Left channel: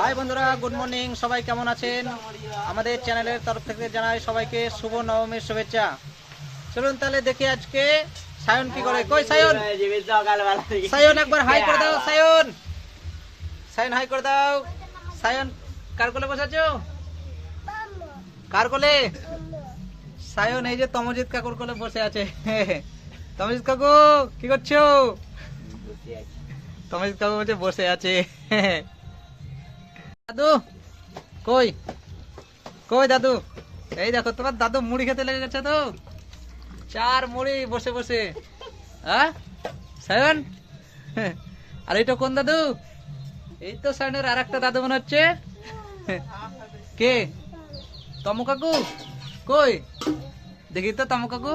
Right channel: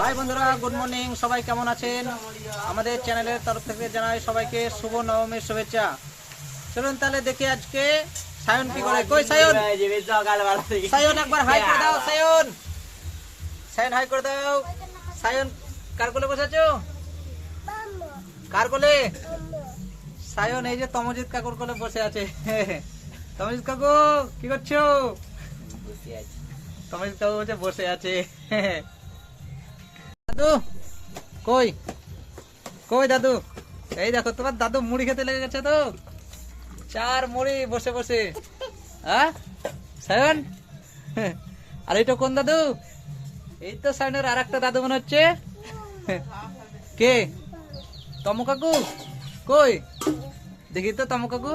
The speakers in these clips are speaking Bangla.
হাই বন্ধুরা গুড মর্নিং সবাই কেমন আছেন? আমাদের চ্যানেলের তরফ থেকে জানাই সবাইকে শুভ নবমীর শুভেচ্ছা। চলুন তাহলে দেখি আজকে সায়ন কি করে। কই সায়ন? সায়ন একবার হাই করে দাও সায়ন। সায়ন হাই করে দাও। সায়ন কার কোলে বসে আছো কার কোলে? সায়ন এই যে তমজিৎ কাকুর কোলে বসে আছে। তমজিৎ কাকু কি করছ? তমজিৎ কাকু বসে আছে। দাদু, কই? কই দাদু? এই দেখো, তোমার দাদু মুড়ি খেতে লেগে গেছে তো। চার মুড়ি বসে বসে। হ্যাঁ? সায়ন? আর এইটা কোন দাদু? এই তো সায়নের আর একটা দাদু মনে হচ্ছে। কে? তমু কাকু? কই? দেখি তো তমু কাকু।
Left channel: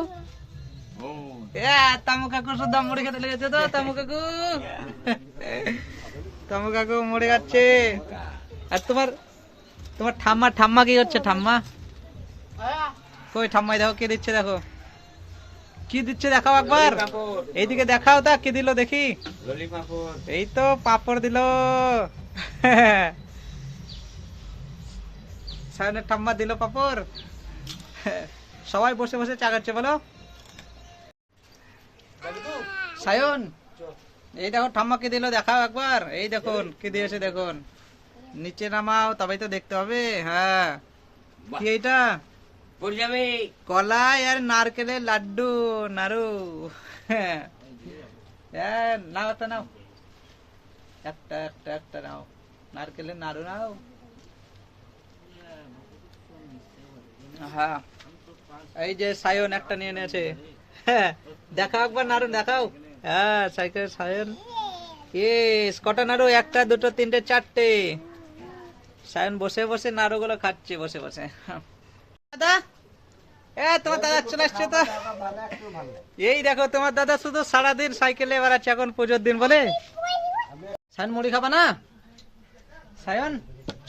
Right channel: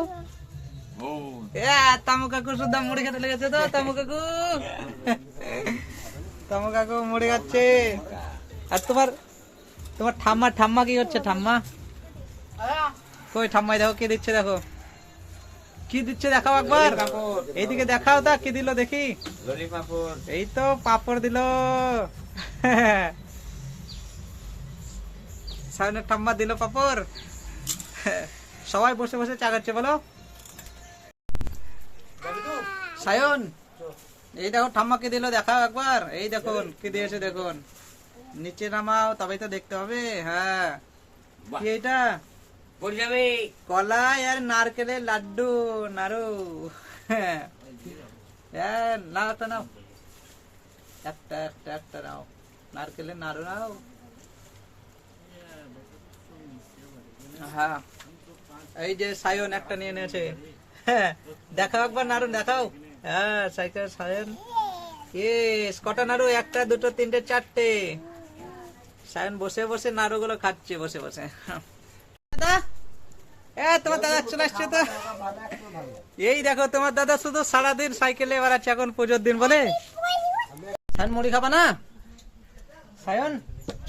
তামু কাকু শুদ্ধ মুড়ি খেতে লেগেছে তো, তামু কাকু। তামু কাকু মুড়ি খাচ্ছে। আর তোমার তোমার ঠাম্মা ঠাম্মা কি হচ্ছে ঠাম্মা? কই ঠাম্মাই দেখো, কি দিচ্ছে দেখো? কি দিচ্ছে দেখাও একবার। এইদিকে দেখাও তা, কি দিল দেখি? এই তো পাপড় দিল। ঠাম্মা দিল পাপড়। সবাই বসে বসে চা খাচ্ছে, বলো। সায়ন, এই দেখো ঠাম্মাকে দিল, দেখাও একবার। এই দেখুন, কি দিয়েছে দেখুন। নিচে নামাও তবেই তো দেখতে হবে হ্যাঁ। কি এটা কলাই আর নারকেলের লাড্ডু নাড়ু হ্যাঁ। হ্যাঁ, নাও তো নাও। একটা একটা একটা নাও। নারকেলের নাড়ু নাও। হ্যাঁ। এই যে সায়ন একটা নিয়ে নিয়েছে। হ্যাঁ, দেখাও একবার নাড়ু দেখাও। হ্যাঁ সাইকেল সায়ন। ইস কটা নাড়ু? একটা দুটো তিনটে চারটে। সায়ন বসে বসে নাড়ুগুলো খাচ্ছে বসে বসে। দাদা? এ তোমার দাদা চলে আসছে তো। এই দেখো তোমার দাদা শুধু সারাদিন সাইকেলে বেড়াচ্ছে এখন পুজোর দিন বলে। সায়ন মুড়ি খাবা না? সায়ন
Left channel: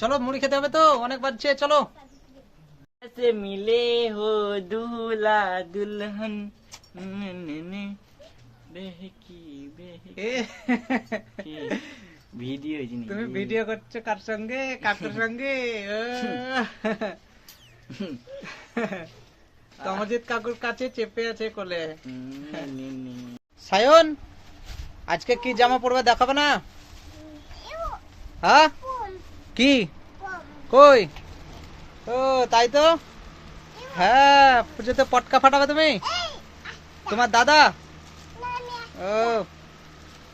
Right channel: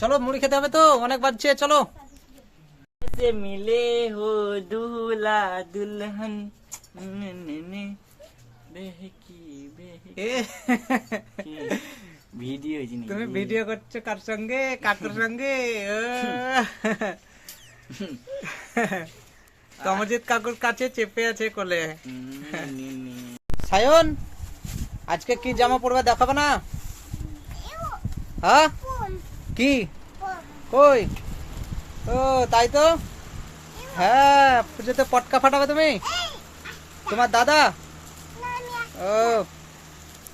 চলো মুড়ি খেতে হবে তো অনেক বাজছে চলো। মিলে হো দুলা দুলহন। বেহকি বেহকি। ভিডিও জিনিস তুমি ভিডিও করছ কার সঙ্গে? কাকুর সঙ্গে? ও। কমজিৎ কাকুর কাছে চেপে আছে কোলে। সায়ন, আজকে কি জামা পরবে দেখাবে না? হ্যাঁ? কি? কই? ও, তাই তো? হ্যাঁ পুজোতে পটকা ফাটাবে তুমি? তোমার দাদা? ও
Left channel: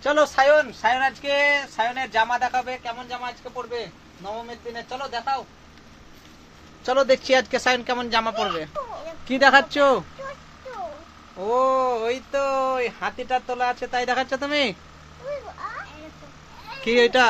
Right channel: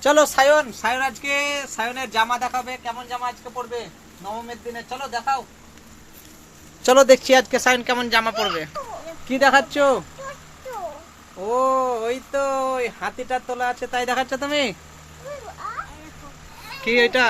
চলো সায়ন সায়ন আজকে, সায়নের জামা দেখাবে। কেমন জামা আজকে পরবে? নবমীর দিনে। চলো, দেখাও। চলো দেখছি আজকে সায়ন কেমন জামা পরবে। কি দেখাচ্ছ? ও, ওই তো, ওই হাতিটার তোলা আছে, তাই দেখাচ্ছ তুমি? কি এটা?